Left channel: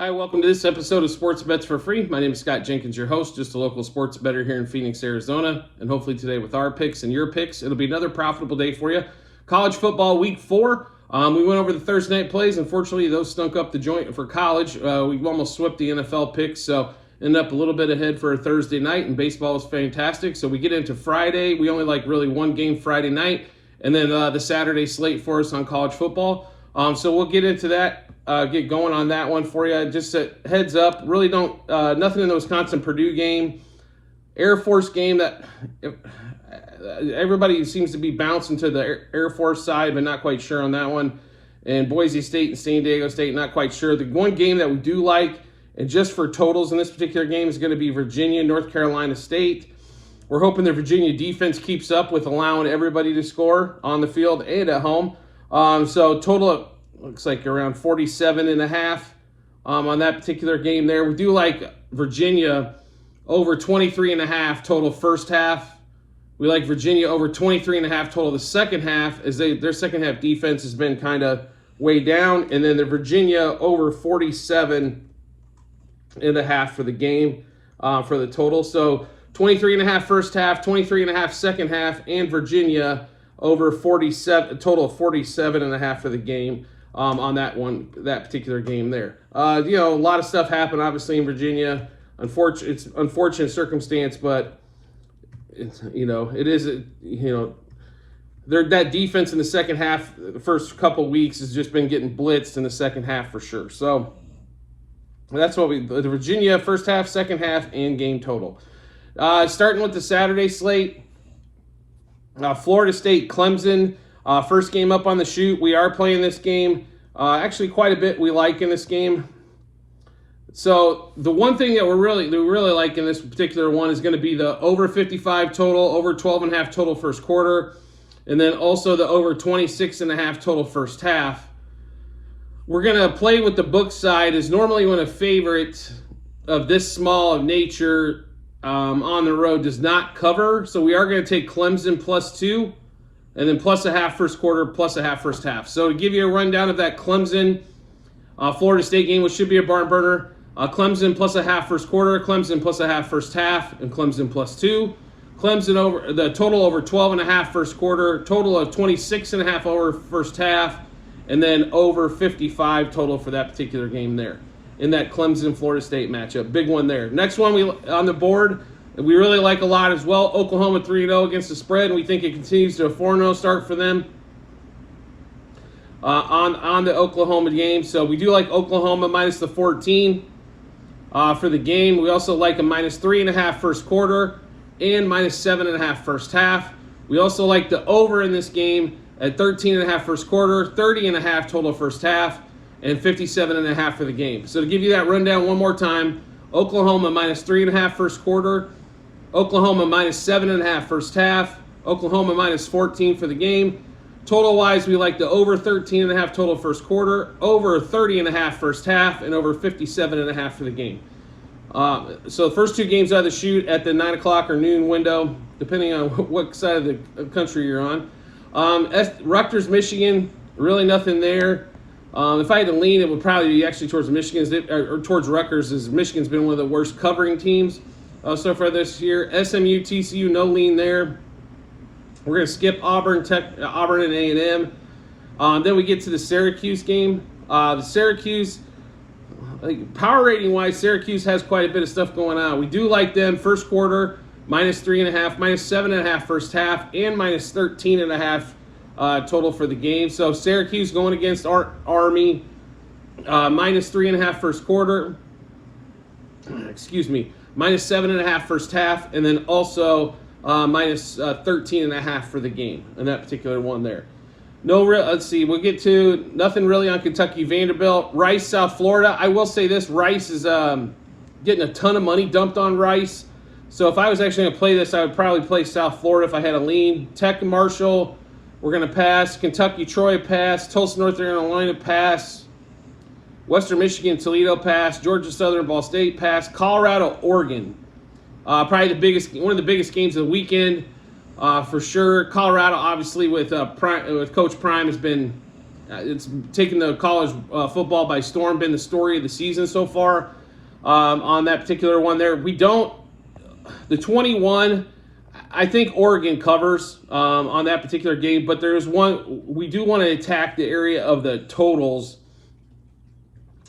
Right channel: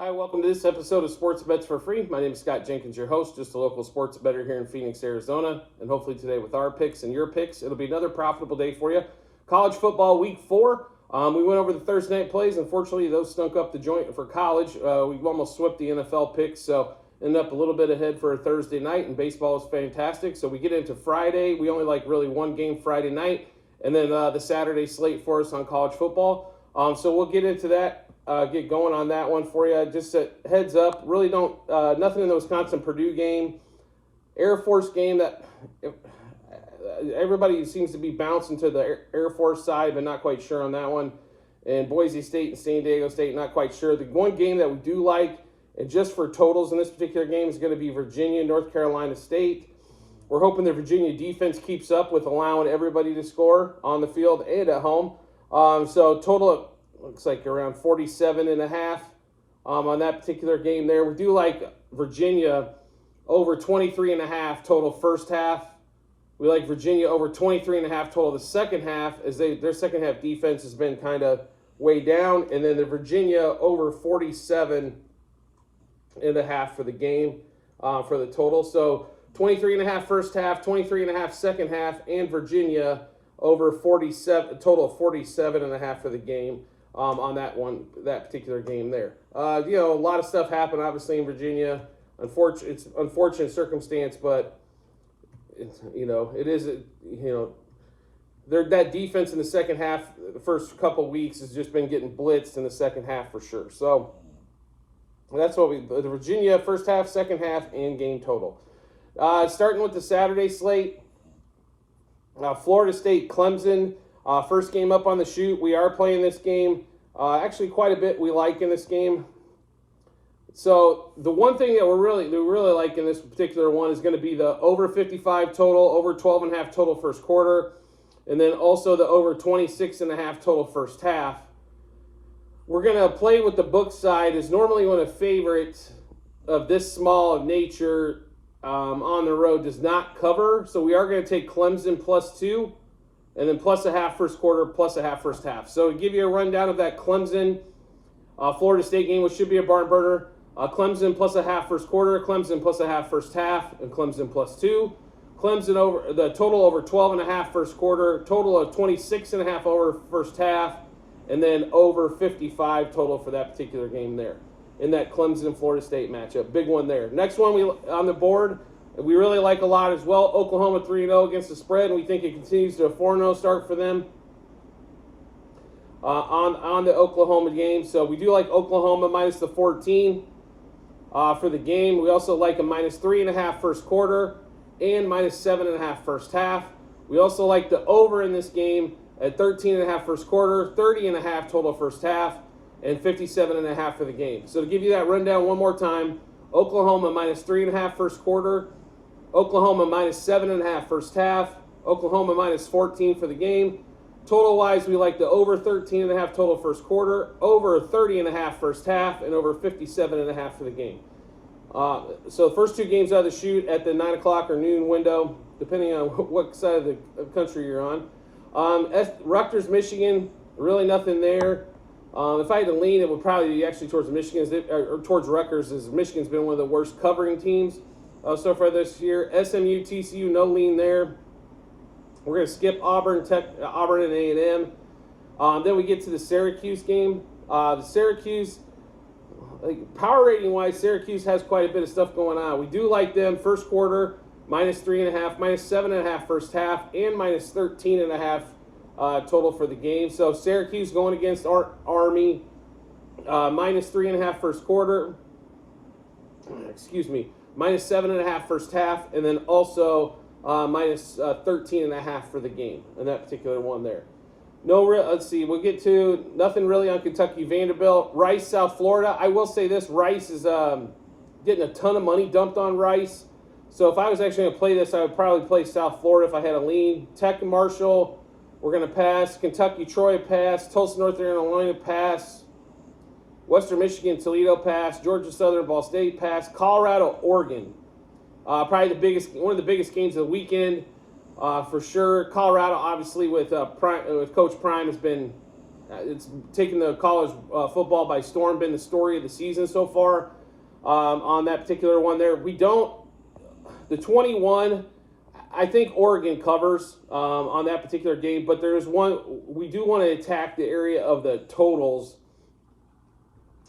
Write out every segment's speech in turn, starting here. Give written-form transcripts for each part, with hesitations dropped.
Hi, welcome to this episode of Sports Bets for Free. My name is Scott Jenkins, your host, just a local sports bettor here in Phoenix, Arizona. And hopefully today with our picks and your picks, it'll be another profitable day for you. College football week 4. We went over the Thursday night plays. Unfortunately, those stunk up the joint for college. We almost swept the NFL picks, so ended up a little bit ahead for a Thursday night, and baseball was fantastic. So we get into Friday. We only like really one game Friday night, and then the Saturday slate for us on college football. So we'll get into that. Get going on that one for you. Just a heads up, really don't, nothing in the Wisconsin-Purdue game. Air Force game that everybody seems to be bouncing to the Air Force side, but not quite sure on that one. And Boise State and San Diego State, not quite sure. The one game that we do like, and just for totals in this particular game, is going to be Virginia, North Carolina State. We're hoping the Virginia defense keeps up with allowing everybody to score on the field and at home. So total looks like around 47.5 on that particular game there. We do like Virginia over 23.5 total first half. We like Virginia over 23.5 total the second half, as their second half defense has been kind of way down. And then the Virginia over 47.5 for the game for the total. So 23.5 first half, 23.5 second half, and Virginia over 47, total of 47.5 for the game. On that particular game there. A lot of stuff happened, obviously, in Virginia. It's unfortunate circumstance, but it is, that defense in the second half, the first couple weeks, has just been getting blitzed in the second half for sure. So that's what the Virginia first half, second half, and game total. Starting with the Saturday slate, Florida State, Clemson. First game up on the shoot. We are playing this game. Actually, quite a bit we like in this game. So the one thing that we really like in this particular one is going to be the over 55 total, over 12.5 total first quarter, and then also the over 26.5 total first half. We're going to play with the book side, as normally when a favorite of this small of nature on the road does not cover. So we are going to take Clemson +2. And then +0.5 first quarter, +0.5 first half. So to give you a rundown of that Clemson Florida State game, which should be a barn burner, Clemson +0.5 first quarter, Clemson +0.5 first half, and Clemson +2. Clemson over the total over 12.5 first quarter, total of 26.5 over first half, and then over 55 total for that particular game there in that Clemson Florida State matchup. Big one there. Next one on the board, we really like a lot as well. Oklahoma 3-0 against the spread, and we think it continues to a 4-0 start for them on the Oklahoma game. So we do like Oklahoma -14 for the game. We also like a -3.5 first quarter and -7.5 first half. We also like the over in this game at 13.5 first quarter, 30.5 total first half, and 57.5 for the game. So to give you that rundown one more time, Oklahoma -3.5 first quarter, Oklahoma -7.5 first half, Oklahoma -14 for the game. Total-wise, we like the over 13.5 total first quarter, over 30.5 first half, and over 57.5 for the game. So the first two games out of the shoot at the 9 o'clock or noon window, depending on what side of the country you're on. Rutgers, Michigan, really nothing there. If I had to lean, it would probably be actually towards Michigan or towards Rutgers, as Michigan's been one of the worst covering teams so far this year. SMU, TCU, no lean there. We're going to skip Auburn and A&M. Then we get to the Syracuse game. The Syracuse, power rating wise, Syracuse has quite a bit of stuff going on. We do like them first quarter -3.5, -7.5 first half, and -13.5 total for the game. So Syracuse going against Army, -3.5 first quarter. -7.5 first half, and then also -13.5 for the game in that particular one there. Let's see, we'll get to nothing really on Kentucky, Vanderbilt. Rice, South Florida. I will say this, Rice is getting a ton of money dumped on Rice. So if I was actually going to play this, I would probably play South Florida if I had a lean. Tech and Marshall, we're going to pass. Kentucky, Troy, pass. Tulsa, North Carolina, pass. Western Michigan, Toledo, pass. Georgia Southern, Ball State, pass. Colorado, Oregon. Probably one of the biggest games of the weekend for sure. Colorado, obviously, with Coach Prime, has been It's taken the college football by storm, been the story of the season so far on that particular one there. The 21, I think Oregon covers on that particular game, but there's one, we do want to attack the area of the totals,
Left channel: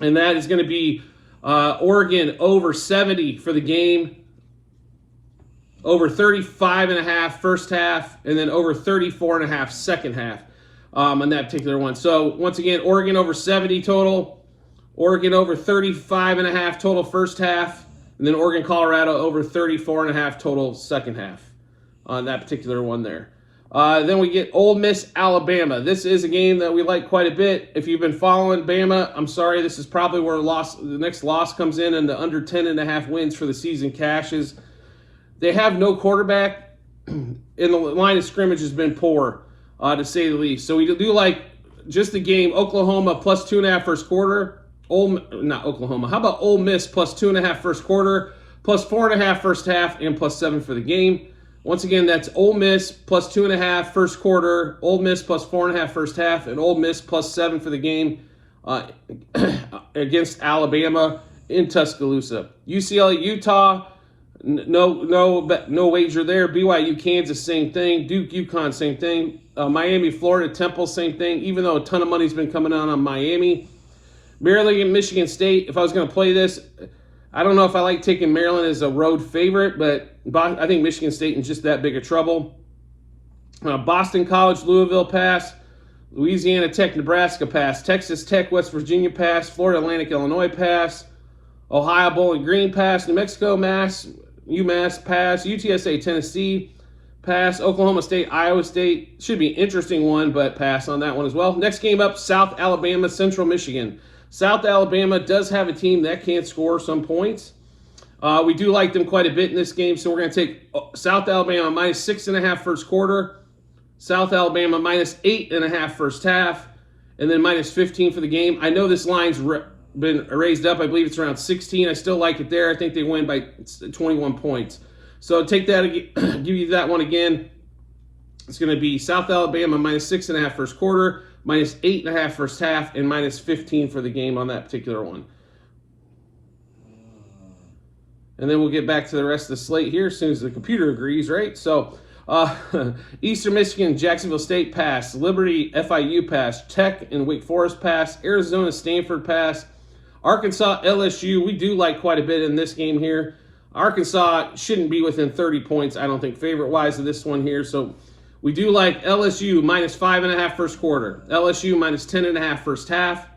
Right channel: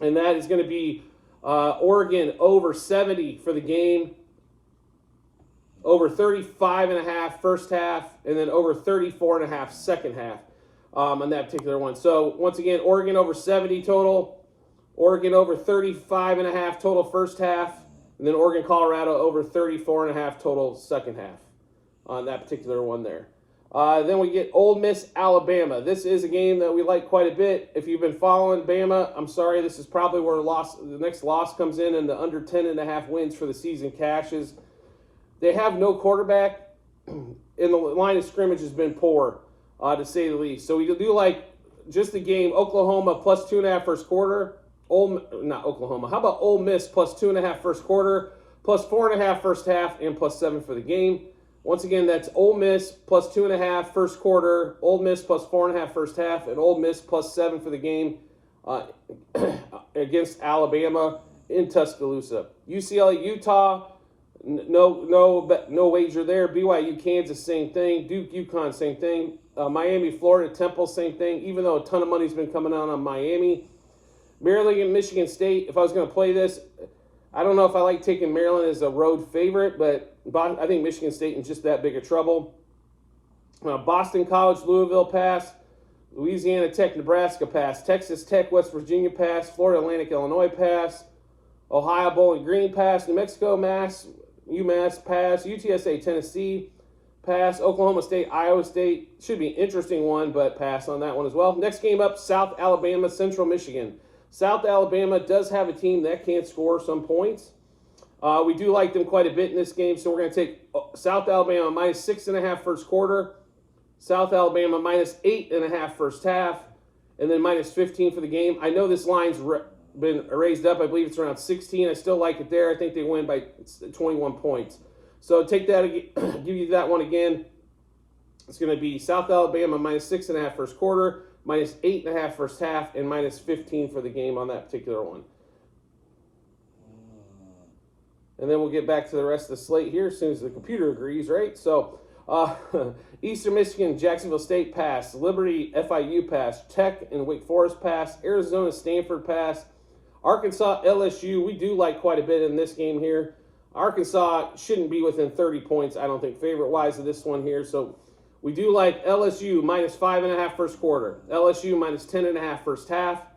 and that is going to be Oregon over 70 for the game, over 35.5 first half, and then over 34.5 second half on that particular one. So once again, Oregon over 70 total, Oregon over 35.5 total first half, and then Oregon Colorado over 34.5 total second half on that particular one there. Then we get Ole Miss Alabama. This is a game that we like quite a bit. If you've been following Bama, I'm sorry, this is probably where the next loss comes in, and the under 10.5 wins for the season cashes. They have no quarterback, and the line of scrimmage has been poor, to say the least. So we do like just the game, Oklahoma plus 2.5 first quarter. Not Oklahoma. How about Ole Miss plus 2.5 first quarter, plus 4.5 first half, and plus 7 for the game. Once again, that's Ole Miss plus 2.5 first quarter, Ole Miss plus 4.5 first half, and Ole Miss plus 7 for the game against Alabama in Tuscaloosa. UCLA, Utah, no wager there. BYU, Kansas, same thing. Duke, UConn, same thing. Miami, Florida, Temple, same thing. Even though a ton of money's been coming on Miami. Maryland and Michigan State. If I was going to play this, I don't know if I like taking Maryland as a road favorite, but I think Michigan State is just that big of trouble. Boston College, Louisville pass. Louisiana Tech, Nebraska pass. Texas Tech, West Virginia pass. Florida Atlantic, Illinois pass. Ohio Bowling Green pass. New Mexico, UMass pass. UTSA, Tennessee pass. Oklahoma State, Iowa State. Should be an interesting one, but pass on that one as well. Next game up, South Alabama, Central Michigan. South Alabama does have a team that can score some points. We do like them quite a bit in this game, so we're going to take South Alabama minus 6.5 first quarter, South Alabama minus 8.5 first half, and then minus 15 for the game. I know this line's been raised up. I believe it's around 16. I still like it there. I think they win by 21 points. So take that, give you that one again. It's going to be South Alabama minus 6.5 first quarter, minus 8.5 first half, and minus 15 for the game on that particular one. And then we'll get back to the rest of the slate here as soon as the computer agrees, right? So Eastern Michigan, Jacksonville State pass, Liberty, FIU pass, Tech and Wake Forest pass, Arizona, Stanford pass, Arkansas, LSU. We do like quite a bit in this game here. Arkansas shouldn't be within 30 points, I don't think, favorite-wise of this one here. So we do like LSU minus 5.5 first quarter, LSU minus 10.5 first half,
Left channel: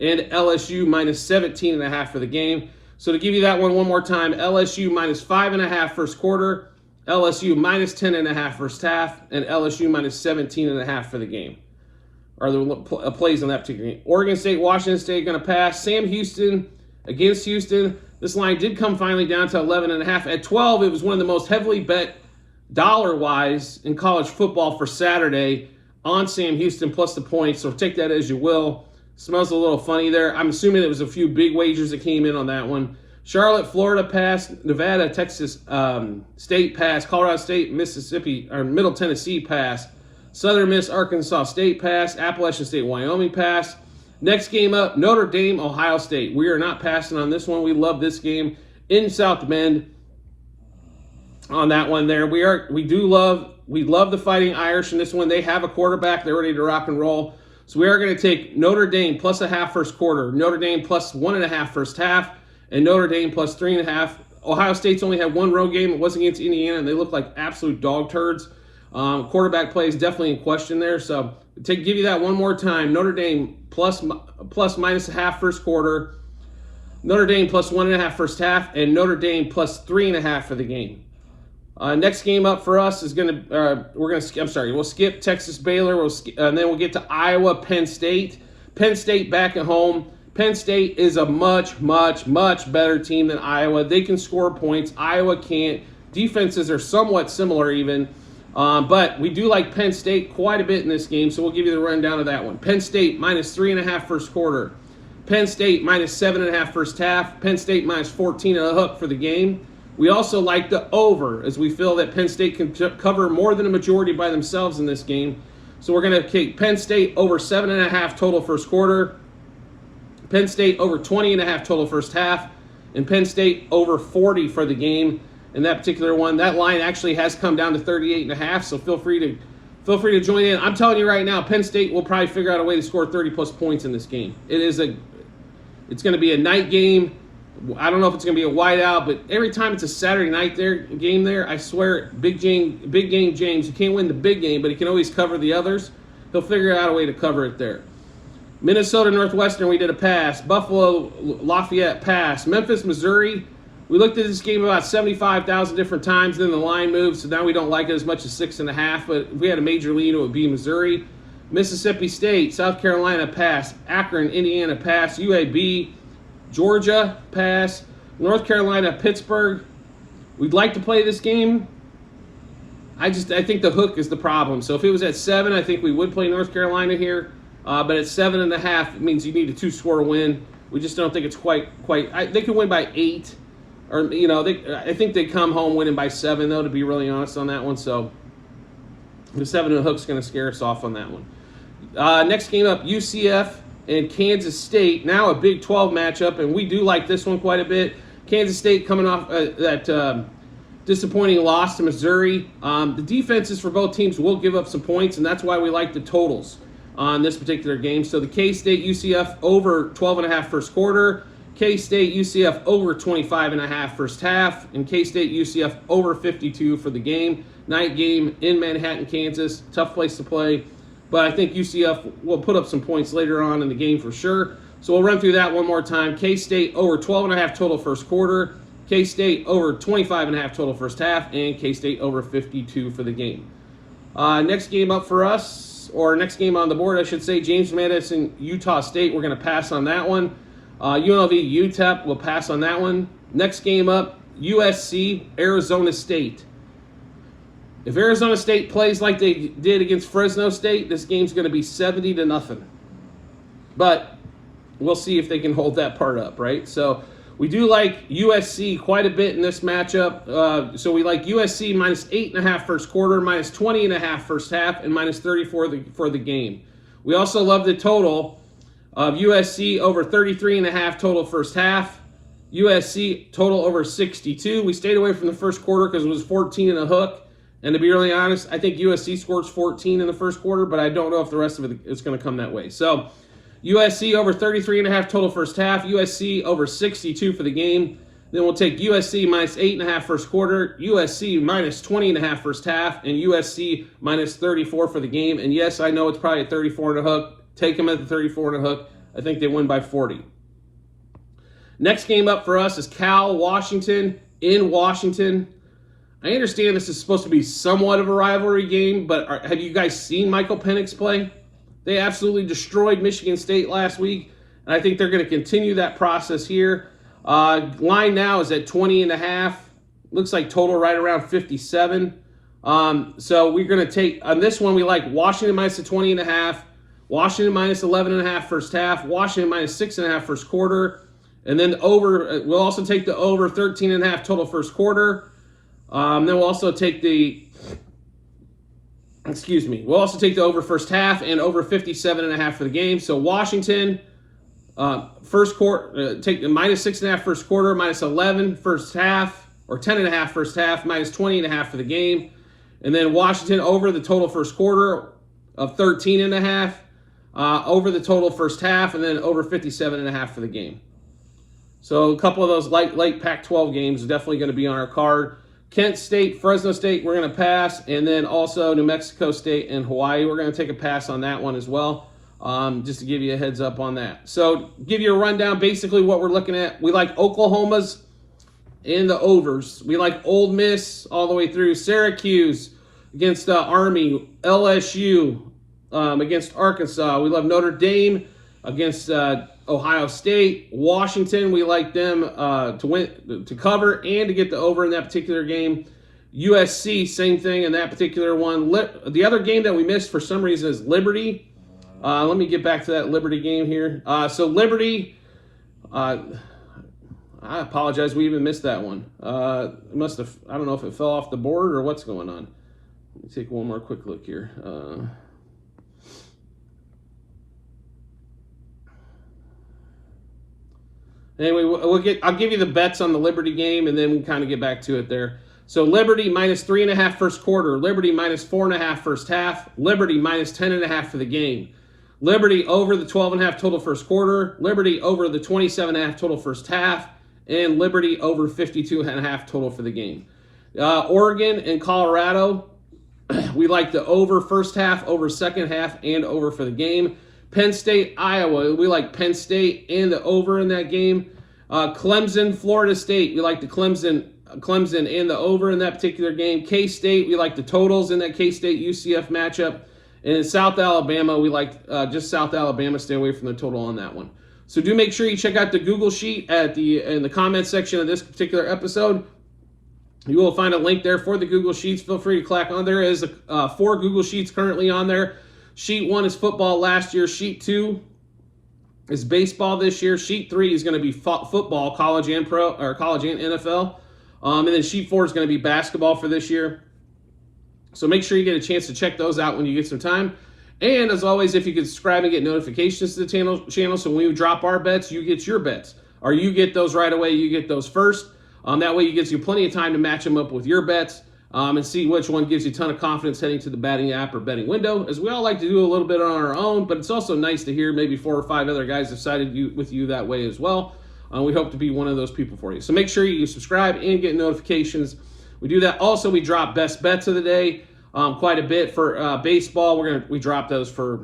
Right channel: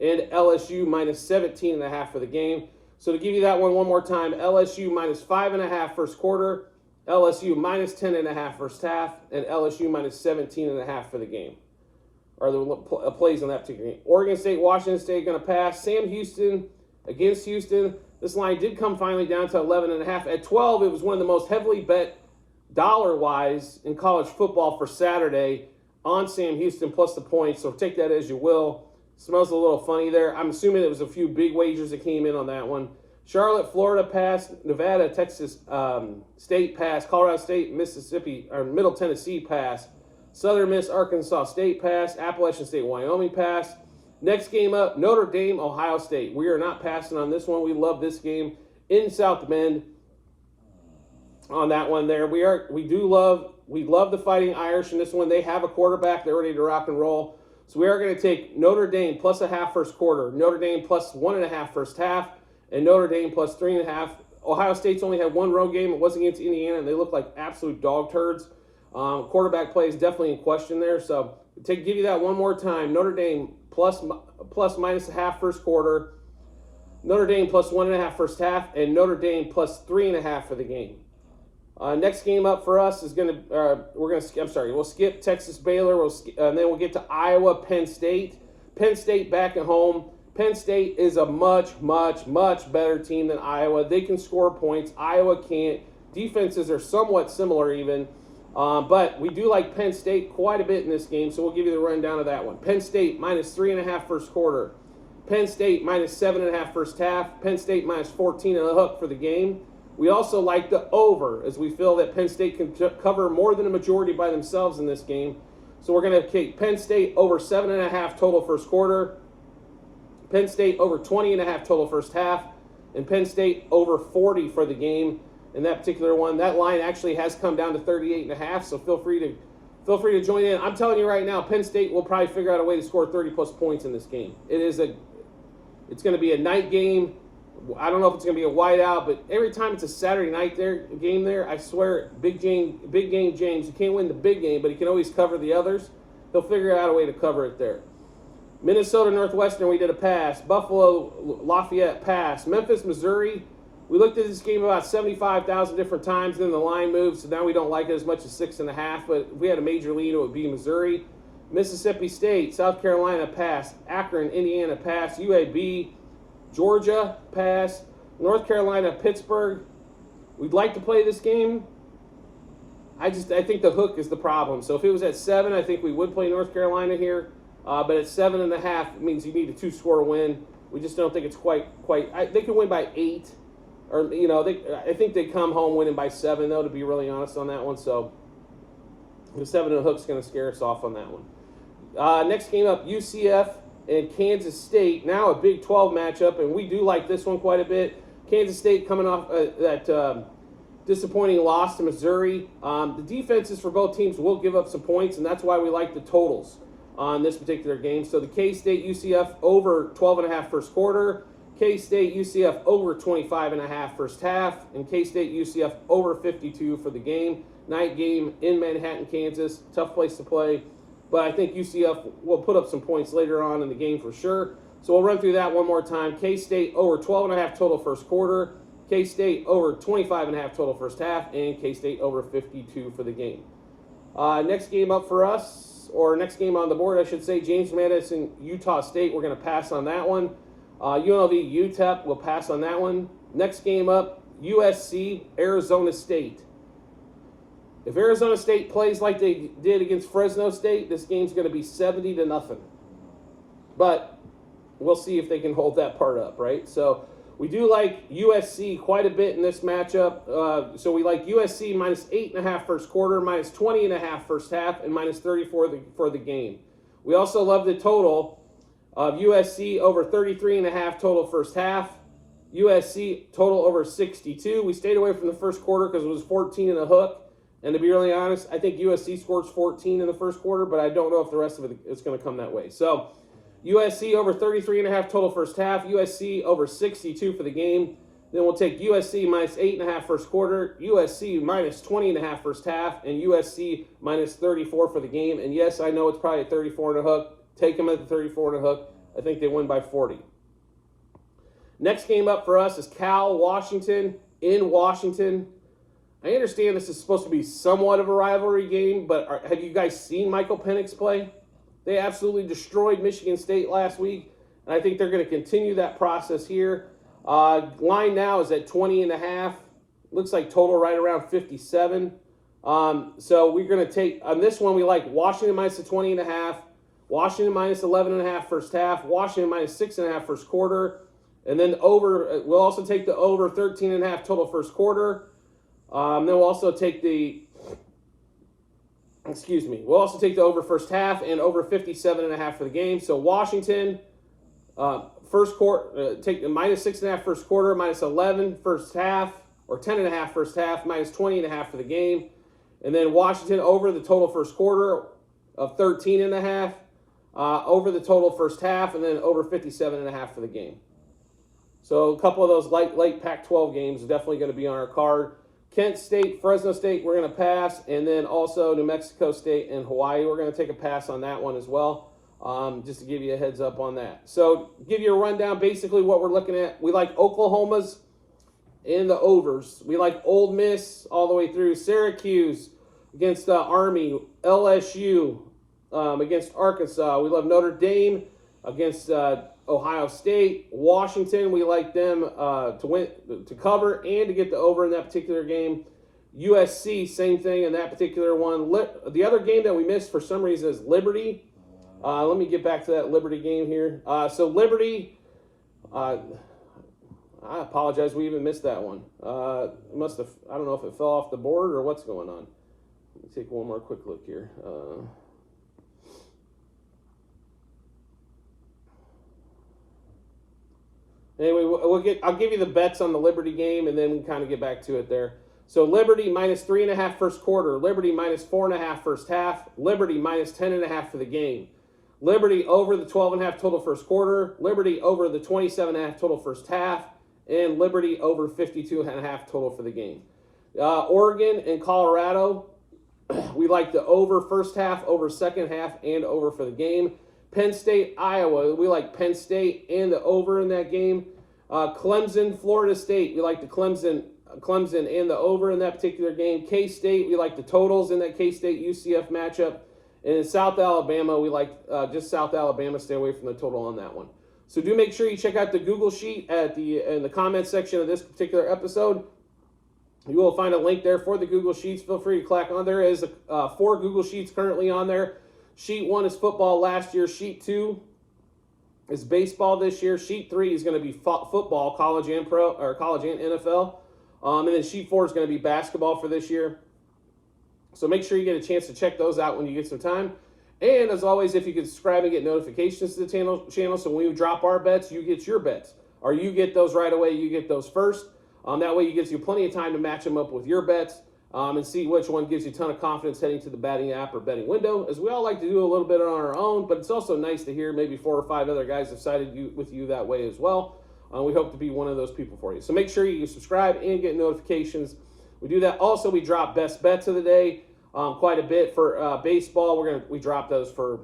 and LSU minus 17.5 for the game. So to give you that one more time, LSU minus 5.5 first quarter, LSU minus 10.5 first half, and LSU minus 17.5 for the game. Are the plays on that particular game. Oregon State, Washington State going to pass. Sam Houston against Houston. This line did come finally down to 11.5. At 12, it was one of the most heavily bet dollar-wise in college football for Saturday on Sam Houston plus the points. So take that as you will. Smells a little funny there. I'm assuming it was a few big wagers that came in on that one. Charlotte, Florida pass. Nevada, Texas State pass. Colorado State, Mississippi, or Middle Tennessee pass. Southern Miss, Arkansas State pass. Appalachian State, Wyoming pass. Next game up, Notre Dame, Ohio State. We are not passing on this one. We love this game in South Bend on that one there. We love the Fighting Irish in this one. They have a quarterback. They're ready to rock and roll. So we are going to take Notre Dame plus 0.5 first quarter, Notre Dame plus 1.5 first half, and Notre Dame plus 3.5. Ohio State's only had one road game. It was against Indiana, and they look like absolute dog turds. Quarterback play is definitely in question there. So to give you that one more time, Notre Dame plus minus 0.5 first quarter, Notre Dame plus 1.5 first half, and Notre Dame plus 3.5 for the game. Next game up for us is we'll skip Texas Baylor, and then we'll get to Iowa, Penn State. Penn State back at home. Penn State is a much, much, much better team than Iowa. They can score points. Iowa can't. Defenses are somewhat similar even. But we do like Penn State quite a bit in this game, so we'll give you the rundown of that one. Penn State minus 3.5 first quarter. Penn State minus 7.5 first half. Penn State minus 14 and a hook for the game. We also like the over, as we feel that Penn State can cover more than a majority by themselves in this game. So we're going to take Penn State over 7.5 total first quarter, Penn State over 20.5 total first half, and Penn State over 40 for the game. In that particular one, that line actually has come down to 38.5. So feel free to join in. I'm telling you right now, Penn State will probably figure out a way to score 30+ points in this game. It's going to be a night game. I don't know if it's going to be a whiteout, but every time it's a Saturday night game there, I swear, big game James, you can't win the big game, but he can always cover the others. He'll figure out a way to cover it there. Minnesota Northwestern, we did a pass. Buffalo Lafayette, pass. Memphis Missouri, we looked at this game about 75,000 different times, then the line moved, so now we don't like it as much as 6.5, but if we had a major lead, it would be Missouri. Mississippi State, South Carolina, pass. Akron, Indiana, pass. UAB, Georgia, pass. North Carolina, Pittsburgh. We'd like to play this game. I think the hook is the problem. So if it was at 7, I think we would play North Carolina here. But at 7.5, it means you need a 2-score win. We just don't think it's quite. They could win by 8, or I think they come home winning by 7, though. To be really honest on that one, so the 7 and the hook's going to scare us off on that one. Next game up, UCF and Kansas State. Now a Big 12 matchup, and we do like this one quite a bit. Kansas State coming off that disappointing loss to Missouri. The defenses for both teams will give up some points, and that's why we like the totals on this particular game. So the K-State UCF over 12.5 first quarter, K-State UCF over 25.5 first half, and K-State UCF over 52 for the game. Night game in Manhattan, Kansas. Tough place to play, but I think UCF will put up some points later on in the game for sure. So we'll run through that one more time. K-State over 12.5 total first quarter, K-State over 25.5 total first half, and K-State over 52 for the game. Next game up for us, or next game on the board, I should say, James Madison, Utah State. We're going to pass on that one. UNLV, UTEP, we'll pass on that one. Next game up, USC, Arizona State. If Arizona State plays like they did against Fresno State, this game's going to be 70-0. But we'll see if they can hold that part up, right? So we do like USC quite a bit in this matchup. So we like USC minus 8.5 first quarter, minus 20.5 first half, and minus 30 for the game. We also love the total of USC over 33.5 total first half. USC total over 62. We stayed away from the first quarter because it was 14 and a hook. And to be really honest, I think USC scores 14 in the first quarter, but I don't know if the rest of it is going to come that way. So USC over 33.5 total first half, USC over 62 for the game. Then we'll take USC minus 8.5 first quarter, USC minus 20.5 first half, and USC minus 34 for the game. And yes, I know it's probably at 34 and a hook. Take them at the 34 and a hook. I think they win by 40. Next game up for us is Cal Washington in Washington. I understand this is supposed to be somewhat of a rivalry game, but have you guys seen Michael Penix play? They absolutely destroyed Michigan State last week, and I think they're going to continue that process here. Line now is at 20.5. Looks like total right around 57. So we're going to take, on this one, we like Washington minus the 20.5, Washington minus 11.5 first half, Washington minus 6.5 first quarter, and then over, we'll also take the over 13.5 total first quarter. Then we'll also take we'll also take the over first half and over 57.5 for the game. So Washington, first quarter, take the minus 6.5 first quarter, minus 11 first half, or 10.5 first half, minus 20.5 for the game. And then Washington over the total first quarter of 13.5, over the total first half, and then over 57.5 for the game. So a couple of those light Pac-12 games are definitely going to be on our card. Kent State, Fresno State, we're going to pass. And then also New Mexico State and Hawaii, we're going to take a pass on that one as well, just to give you a heads up on that. So give you a rundown, basically what we're looking at. We like Oklahoma's in the overs. We like Ole Miss all the way through. Syracuse against Army. LSU against Arkansas. We love Notre Dame against Ohio State. Washington, we like them to win, to cover, and to get the over in that particular game. USC, same thing in that particular one. The other game that we missed for some reason is Liberty. Let me get back to that Liberty game here. So Liberty, I apologize, we even missed that one. It must have, I don't know if it fell off the board or what's going on. Let me take one more quick look here. Anyway, I'll give you the bets on the Liberty game, and then we can kind of get back to it there. So Liberty minus 3.5 first quarter, Liberty minus 4.5 first half, Liberty minus 10.5 for the game. Liberty over the 12.5 total first quarter, Liberty over the 27.5 total first half, and Liberty over 52.5 total for the game. Oregon and Colorado, we like the over first half, over second half, and over for the game. Penn State, Iowa, we like Penn State and the over in that game. Clemson, Florida State, we like the Clemson and the over in that particular game. K-State, we like the totals in that K-State UCF matchup. And in South Alabama, we like just South Alabama. Stay away from the total on that one. So do make sure you check out the Google Sheet in the comments section of this particular episode. You will find a link there for the Google Sheets. Feel free to click on. There is 4 Google Sheets currently on there. Sheet 1 is football last year. Sheet 2 is baseball this year. Sheet 3 is going to be football, college and pro, or college and NFL. And then Sheet 4 is going to be basketball for this year. So make sure you get a chance to check those out when you get some time. And as always, if you could subscribe and get notifications to the channel, so when we drop our bets, you get your bets. Or you get those right away, you get those first. That way it gives you plenty of time to match them up with your bets and see which one gives you a ton of confidence heading to the betting app or betting window. As we all like to do a little bit on our own, but it's also nice to hear maybe 4 or 5 other guys have sided with you that way as well. We hope to be one of those people for you. So make sure you subscribe and get notifications. We do that. Also, we drop best bets of the day quite a bit for baseball. We drop those for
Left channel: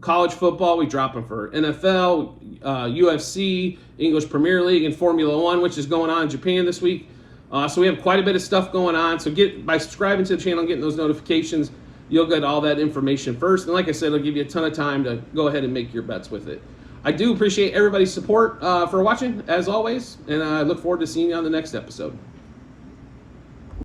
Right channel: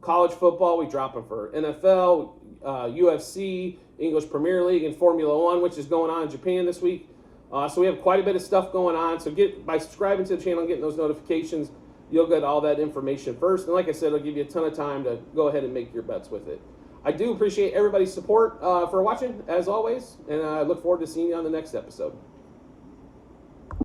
college football. We drop them for NFL, UFC, English Premier League, and Formula One, which is going on in Japan this week. So we have quite a bit of stuff going on. So by subscribing to the channel and getting those notifications, you'll get all that information first. And like I said, it'll give you a ton of time to go ahead and make your bets with it. I do appreciate everybody's support for watching, as always, and I look forward to seeing you on the next episode.